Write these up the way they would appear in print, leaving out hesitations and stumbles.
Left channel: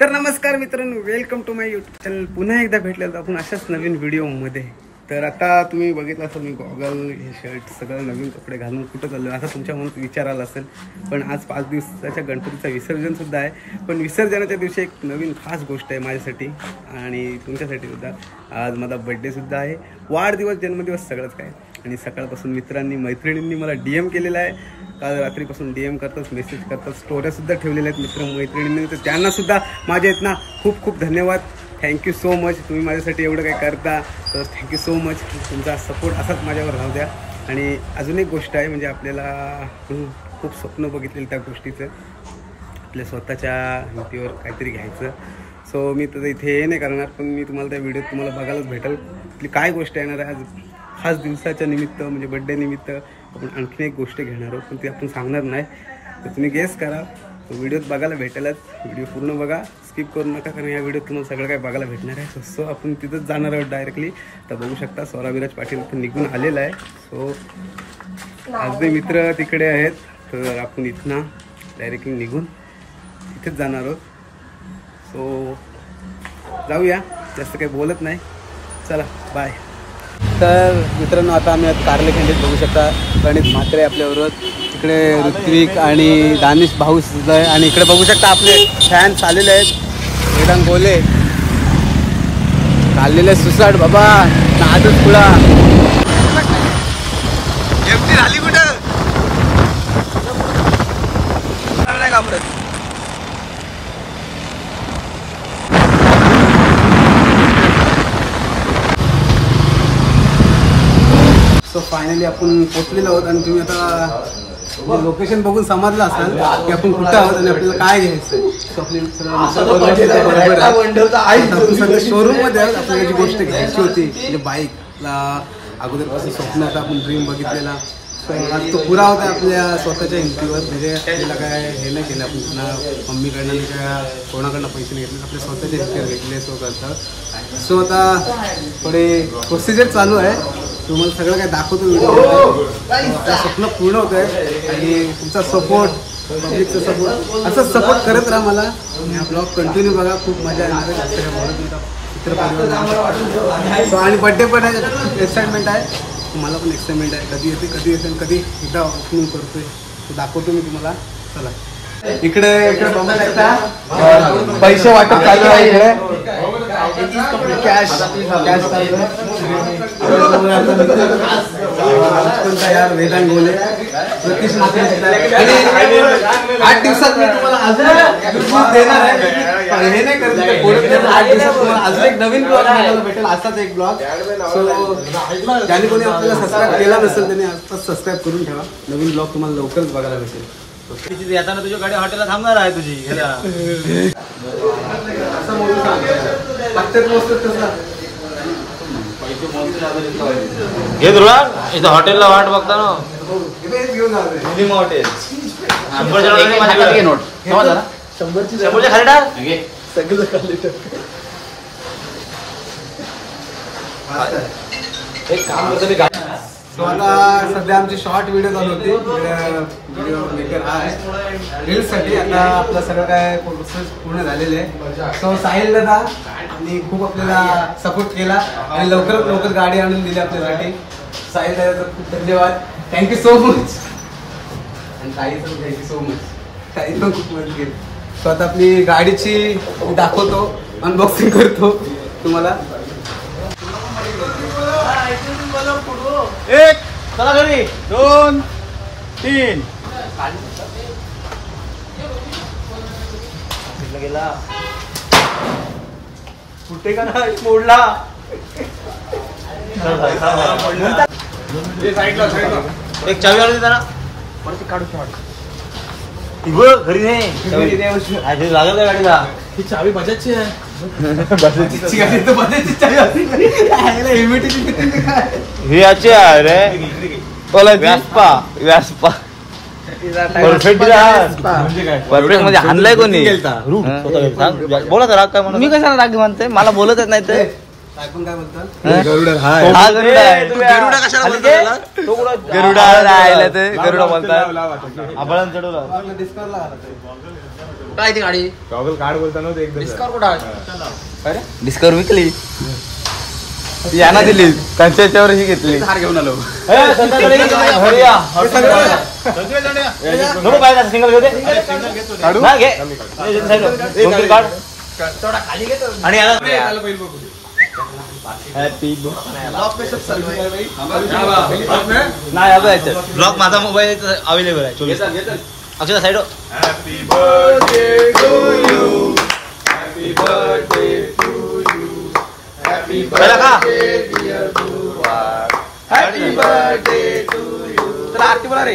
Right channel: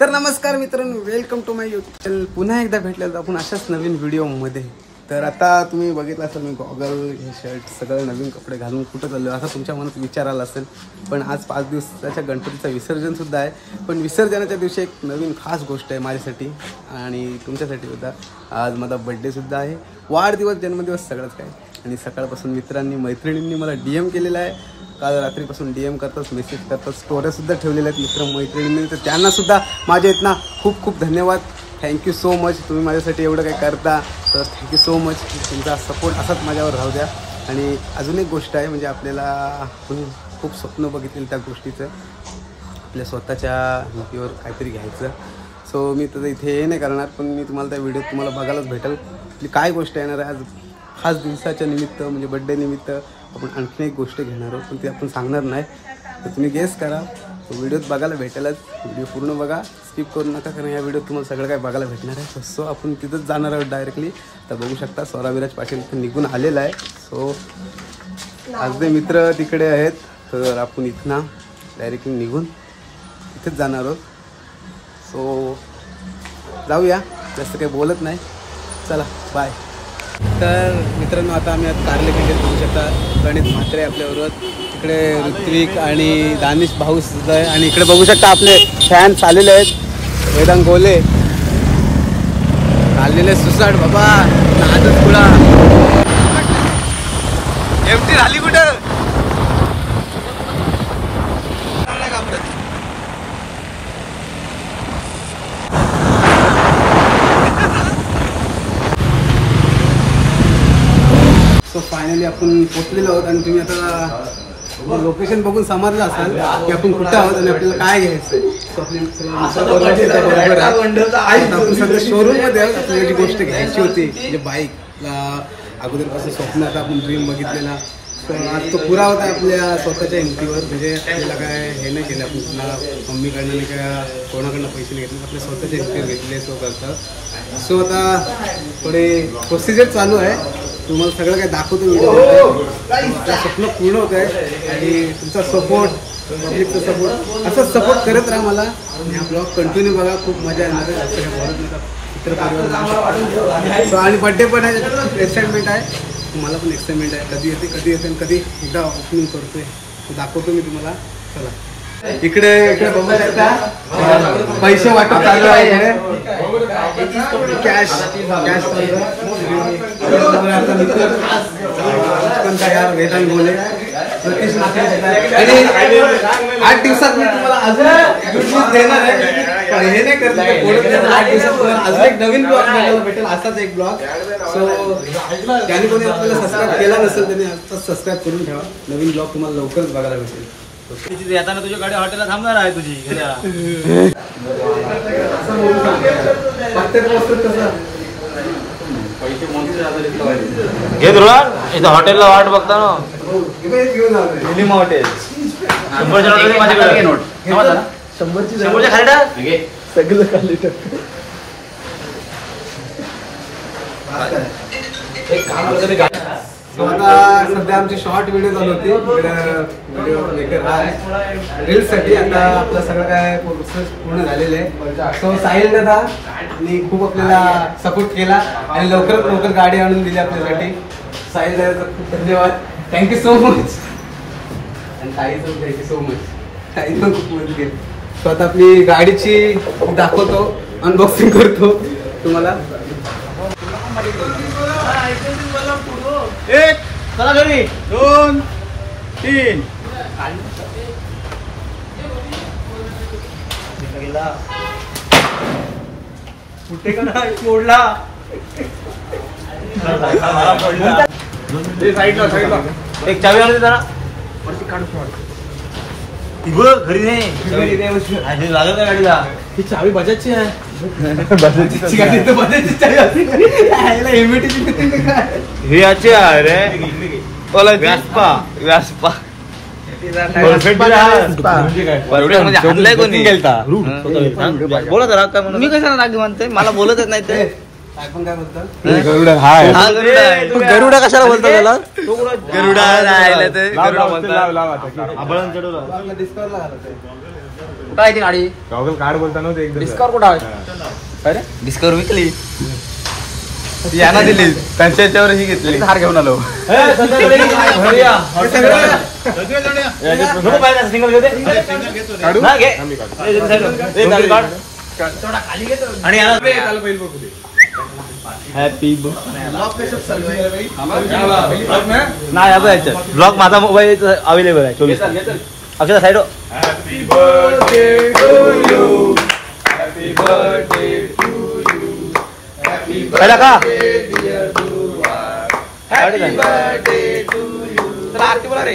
तर नमस्कार मित्रांनो, welcome to my YouTube channel. पुन्हा एकदा भेटलेलो आपण अशाच नवीन व्हिडिओमध्ये. तर आता तुम्ही बघितलं असेल, मी गॉगल, हे शर्ट, सगळे नवीन कपडे घालून कुठं चाललो आता तुमच्या मनात विचार आला असेल. पण आज 5 दिवसाच्या गणपतीचं विसर्जनसुद्धा आहे. पण विसर्जनाच्या दिवशी एक नवीन खास गोष्ट आहे माझ्यासाठी आणि तुमच्यासाठी सुद्धा. आज माझा बड्डेसुद्धा आहे, वाढदिवस, जन्मदिवस, सगळंच काय. आणि सकाळपासून मित्रांनी, मैत्रिणींनी मला DM केलेला आहे. काल रात्रीपासून DM करतात, मेसेज करतात, स्टोऱ्यासुद्धा ठेवलेल्या आहेत मित्र मैत्रिणींनी. तर त्यांनासुद्धा माझ्या इथनं खूप खूप धन्यवाद. Thank you so much. तुम्ही माझ्यासाठी एवढं काही करता, तर थँक्यू सो मच. तुमचा सपोर्ट असाच माझ्यावर राहू द्या. आणि अजून एक गोष्ट आहे, म्हणजे आपल्याला आपण खूप स्वप्न बघितलेलं त्या गोष्टीचं, आपल्या स्वतःच्या हिमतीवर काहीतरी घ्यायचं. सो मी तर इथे हे नाही करणार, पण मी तुम्हाला त्या व्हिडिओत तुम्हाला बघायलाच भेटेल आपली काय गोष्ट येणार आहे. आज खास दिवसाच्या निमित्त, म्हणजे बड्डे निमित्त आपण आणखीन एक गोष्ट घेणार आहोत, पण ती आपण सांगणार नाही. तर तुम्ही गेस करा, तो व्हिडिओत बघायला भेटेलच. व्हिडिओ पूर्ण बघा, स्किप करू नका, कारण या व्हिडिओत तुम्हाला सगळं काय बघायला भेटणार आहे. सो आपण तिथंच जाणार आहोत डायरेक्टली. तर बघू शकता स्वराविराज पाटील इथं निघून आलेला आहे. सो आज ते मित्र तिकडे आहेत, तर आपण इथनं डायरेक्टली निघून इथेच जाणार आहोत. सो जाऊया, जास्त काही बोलत नाही, चला बाय. तर मित्रांनो, आता आम्ही आज कार्ले खंडीत बघू शकता. प्रणित म्हात्रे आपल्याबरोबर, इकडे ऋत्विक आणि दानिश भाऊ सुद्धा आहे. आणि इकडे बघू शकता आपले फॅन्स आलेले आहेत. वेदांत गोले आलेले, सुसाट बाबा, नादच पुढा एमटी झाली कुठं. सो फायनली आपण पोचलेलो आहोत. आणि तुम्ही आता लोकेशन बघून समजलं असाल की आपण कुठं आहोत आणि आपल्याला काय घ्यायचं. सो आपली बरोबर आहे, आपण सध्या शोरूम मध्ये आहोत. आपल्याला जी गोष्ट घ्यायची होती, म्हणजे बाईकला अगोदरपासून स्वप्न होता, आपण ड्रीम बघितलेला. सो आज तो पुरा होता आपल्या स्वतःच्या हिमतीवर. म्हणजे आपल्याला काय हे नाही केलं, आपण ना मम्मीकडनं नाही किंवा कोणाकडनं पैसे नाही घेतले, आपल्या स्वतःच्या हिमतीवर घेतले. सो करता सो आता थोडे प्रोसिजर चालू आहे, तुम्हाला सगळं काय दाखवतो व्हिडिओ. आपलं स्वप्न पूर्ण होत आहे आणि तुमचा सपोर्ट, पब्लिकचा सपोर्ट, असंच सपोर्ट करत राहा मला. आणि हा ब्लॉग कंटिन्यू बघा, खूप मजा येणार आहे. जास्त काय बोलत नाही, मित्र परिवार. सो आणि बड्डे पण आहे, खूप एक्साइटमेंट आहे. मला पण एक्साइटमेंट आहे, कधी येते आणि कधी एकदा ओपनिंग करतोय, तो दाखवतो मी तुम्हाला. चला इकडे बघू शकता, पैसे वाटप चालू आहे, कॅश चालू आहे. यार वेदांत गोले, सतीश म्हात्रे. आणि 8 दिवसात मी तुम्हाला अजून देणार आहे. हे नाही करत, 8 दिवसात तुम्हाला अजून एक नवीन ब्लॉग बघायला भेटेल, असाच एक ब्लॉग. सो ज्याने कोणी आपल्याला सबस्क्राईब केला नसेल त्यांनी आताच सबस्क्राईब करून ठेवा. नवीन ब्लॉग तुम्हाला लवकरच बघायला भेटेल. येताना तुझ्या गाडी हॉटेलला थांबणार आहे तुझी. हे धुळा इथं हॉटेलला वाट बघता ना. 100च्या नोट माझ्याकडे. 100च्या खाली टाक. आता सध्या आमची शॉर्ट व्हिडिओ चालू होती. व्हिडिओ मेकर हा आहे रील्ससाठी. आता आपलं सगळं काय प्रोसेस पूर्ण झालेलं आहे. सो साहिल दादा आणि खूप आपल्याला सपोर्ट केला आणि लवकरात लवकर गाडी आणून दिली आपल्यासाठी. साहिल दादा खूप धन्यवाद, थँक्यू सो मच. आणि साहिल पण थँक्यू सो मच, साहिल पण खूप मदत केली. सो आता आपली गाडीची दाखवतो, अनबॉक्सिंग करतो तुम्हाला. एक चला घरी, 2 3 गेला कुठे का नाही मोडला. एक चावी लावली जरा वरती काढू. घरी नाही लागत आहे गाडीला. ही चावी बजाजची आहे. गाडी तर बजाजची चावी असते. हे याचे आहे रे, व्यासपा आणलाय कोणी. बोला तर काय म्हणून, मी कशाला राग म्हणते, मला बोलतच नाही ते. आपण काय बोलतो, गरुडा कशाला बोलतो त्याला. गरुडा काय ती गाडी गॉगल कार्ड बोलताना ते एकदम डिस्काउंट कुठं आहे? डिस्कवर विकली यांना दिली त्यांच्या याच्यावर ही घेतली हार घेऊन आलो संध्याकाळी सिंगल आणि हॅपी ब्लॉग माझा मोबाईल अवेलेबल आहे 24 अक्षर side happy birthday to you happy birthday to you happy birthday dear बुवार happy birthday to you aarti बोला रे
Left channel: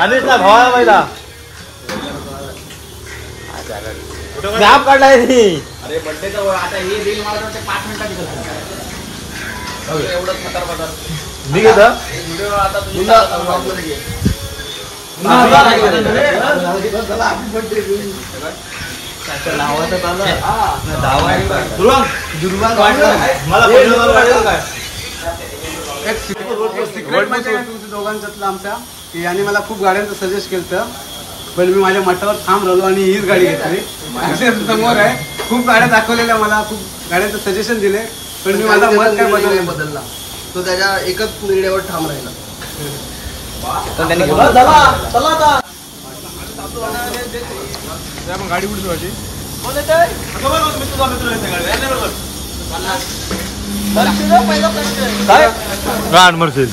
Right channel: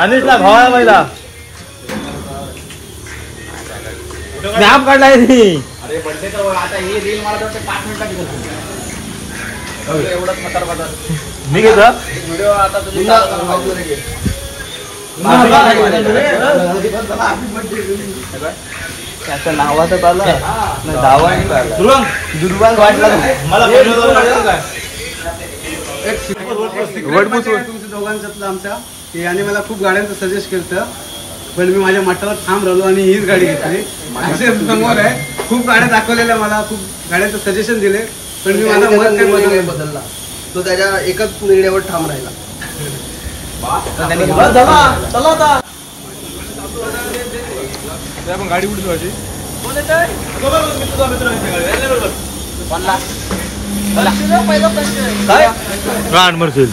अनिशला भावा पहिला मी आप काढलाय रे अरे बर्थडेचा आता ही रील मला तर 5 मिनिटात करतो एवढं खतरनाक मी घेता व्हिडिओ आता तुमचा ब्लॉग मध्ये घे दोघांच्यातलं आमच्या की आणि मला खूप गाड्यांचं सजेस्ट केलं पण मी माझ्या मठावर थांब राहिलो आणि हीच गाडी घेतली समोर आहे खूप गाड्या दाखवलेल्या मला खूप गाड्यांचं सजेशन दिले पण मी माझा मत काय बदलला तो त्याच्या एकच निर्णयावर ठाम राहिला आपण गाडी उडतो माझी गाड मरशील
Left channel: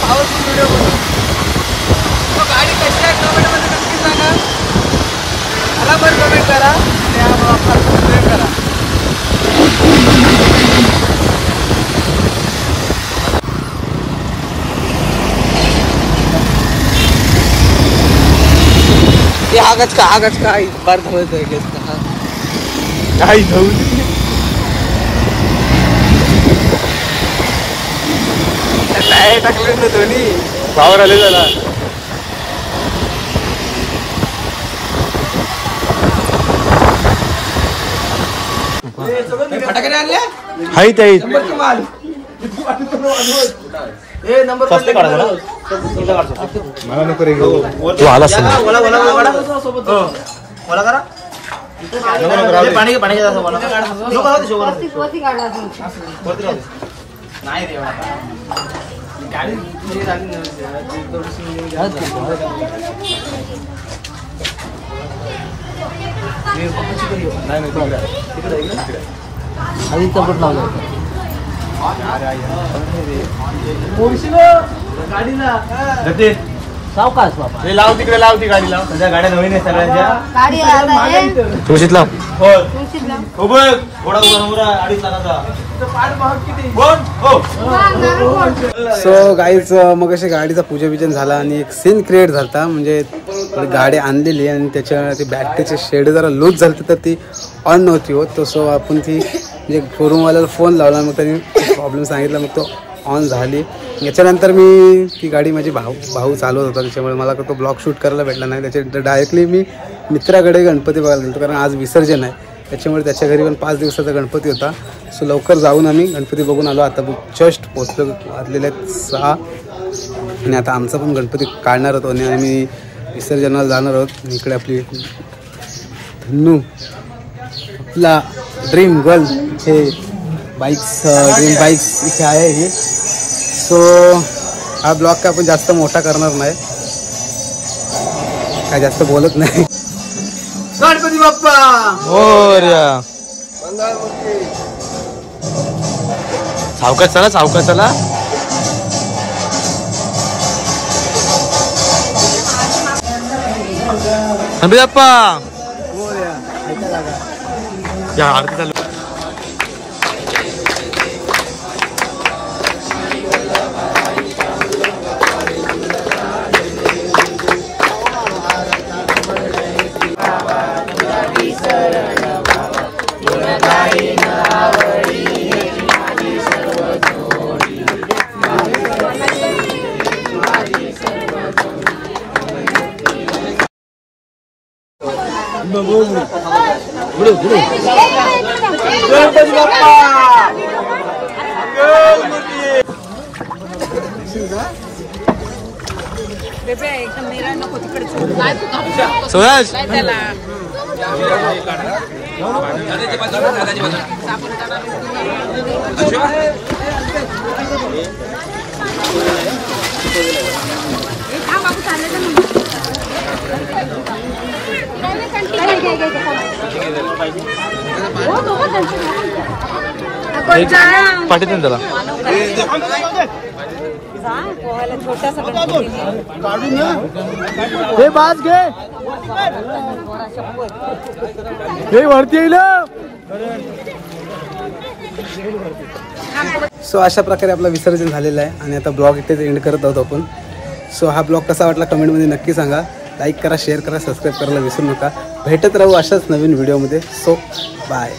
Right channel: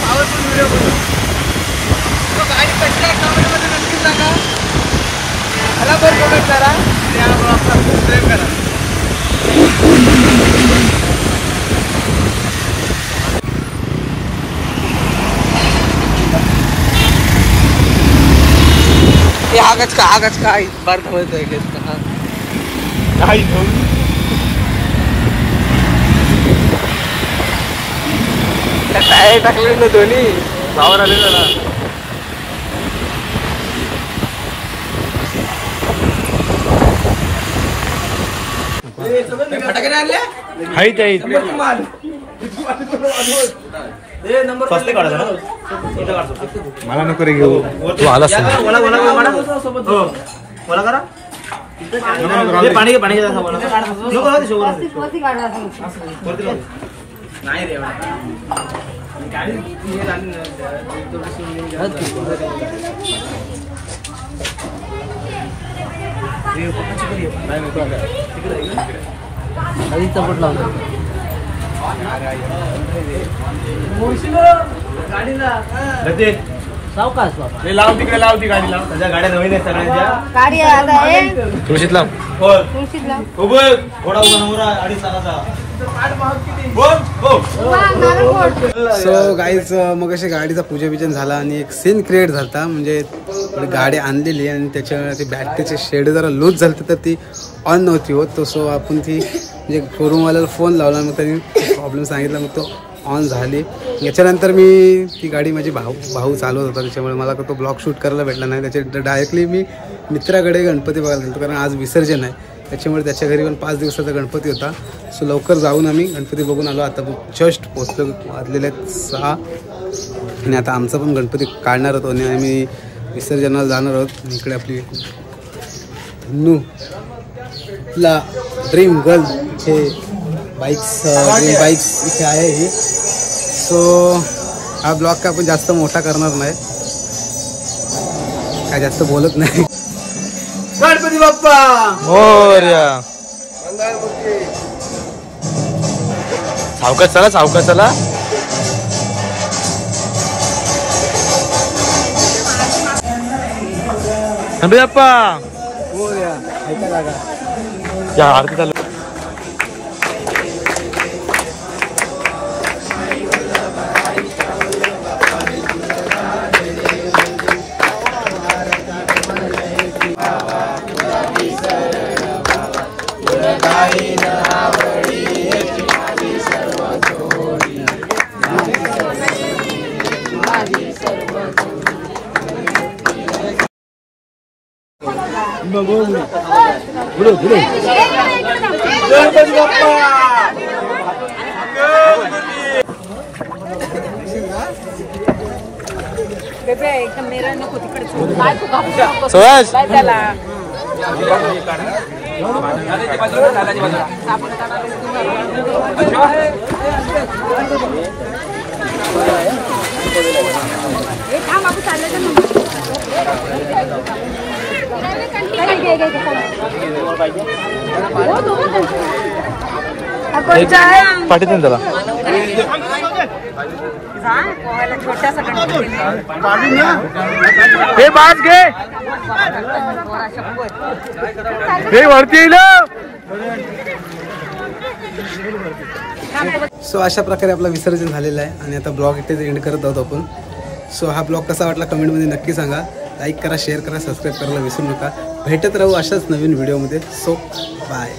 पावरफुल व्हिडिओ बनवू गाडी कशी आहे कमेंटमध्ये नक्की सांगा बराबर कमेंट करा आणि या ब्लॉगला खूप प्रेम करा आगच का बार थांबत आहे का काय टायर टाकले ना दोन्ही गावावर आले जरा हाय ताई मला नको रे घेऊ तू आलास पाणी पाणी नाही रे गाडी लाव तिकडे लाव ती गाडी लाव तुझ्या गाड्या नवीन आहे सगळ्यांच्या गाडी आता तुळशीत लाव हो बघ थोडा उभा अडीच सो गाईज मग अशी गाडीचा पूजन झाला आणि एक सीन क्रिएट झाला म्हणजे गाडी आणलेली आणि त्याच्या ती बॅटरीचे शेड जरा लूज झालं तर ती ऑन नव्हती होत तो सो आपण ती म्हणजे शोरूमवाल्याला फोन लावला मग त्यांनी प्रॉब्लेम सांगितला मग तो ऑन झाली याच्यानंतर मी ती गाडी माझी भाऊ चालवत होता त्याच्यामुळे मला तो ब्लॉग शूट करायला भेटला नाही त्याच्यानंतर डायरेक्टली मी मित्राकडे गणपती बघायला गेलो कारण आज विसर्जन आहे त्याच्यामुळे त्याच्या घरी पण 5 दिवसाचा गणपती होता. सो लवकर जाऊन आम्ही गणपती बघून आलो. आता जस्ट पोचलो, वाजलेले आहेत 6 आणि आता आमचा पण गणपती काढणार होतो आणि आम्ही विसर्जनाला जाणार आहोत. आणि इकडे आपली धन्नू आपला ड्रीम गर्ल हे बाईक्स ड्रीम बाईक्स इथे आहे ही. सो हा ब्लॉग काय आपण जास्त मोठा करणार नाही, काय जास्त बोलत नाही. गणपती बाप्पा मोरया. सावकाश चला, सावकाश चला. गणपती बाप्पा या आरती चालू. गणपती बाप्पा सुहास पाठीतून त्याला हे बाज घे, हे वरती येईल. सो अशा प्रकारे आपला विसर्जन झालेलं आहे आणि आता ब्लॉग इथेच एंड करत आहोत आपण. सो हा ब्लॉग कसा वाटला कमेंटमध्ये नक्की सांगा. लाईक करा, शेअर करा, सबस्क्राईब करायला विसरू नका. भेटत राहू अशाच नवीन व्हिडिओमध्ये. So bye.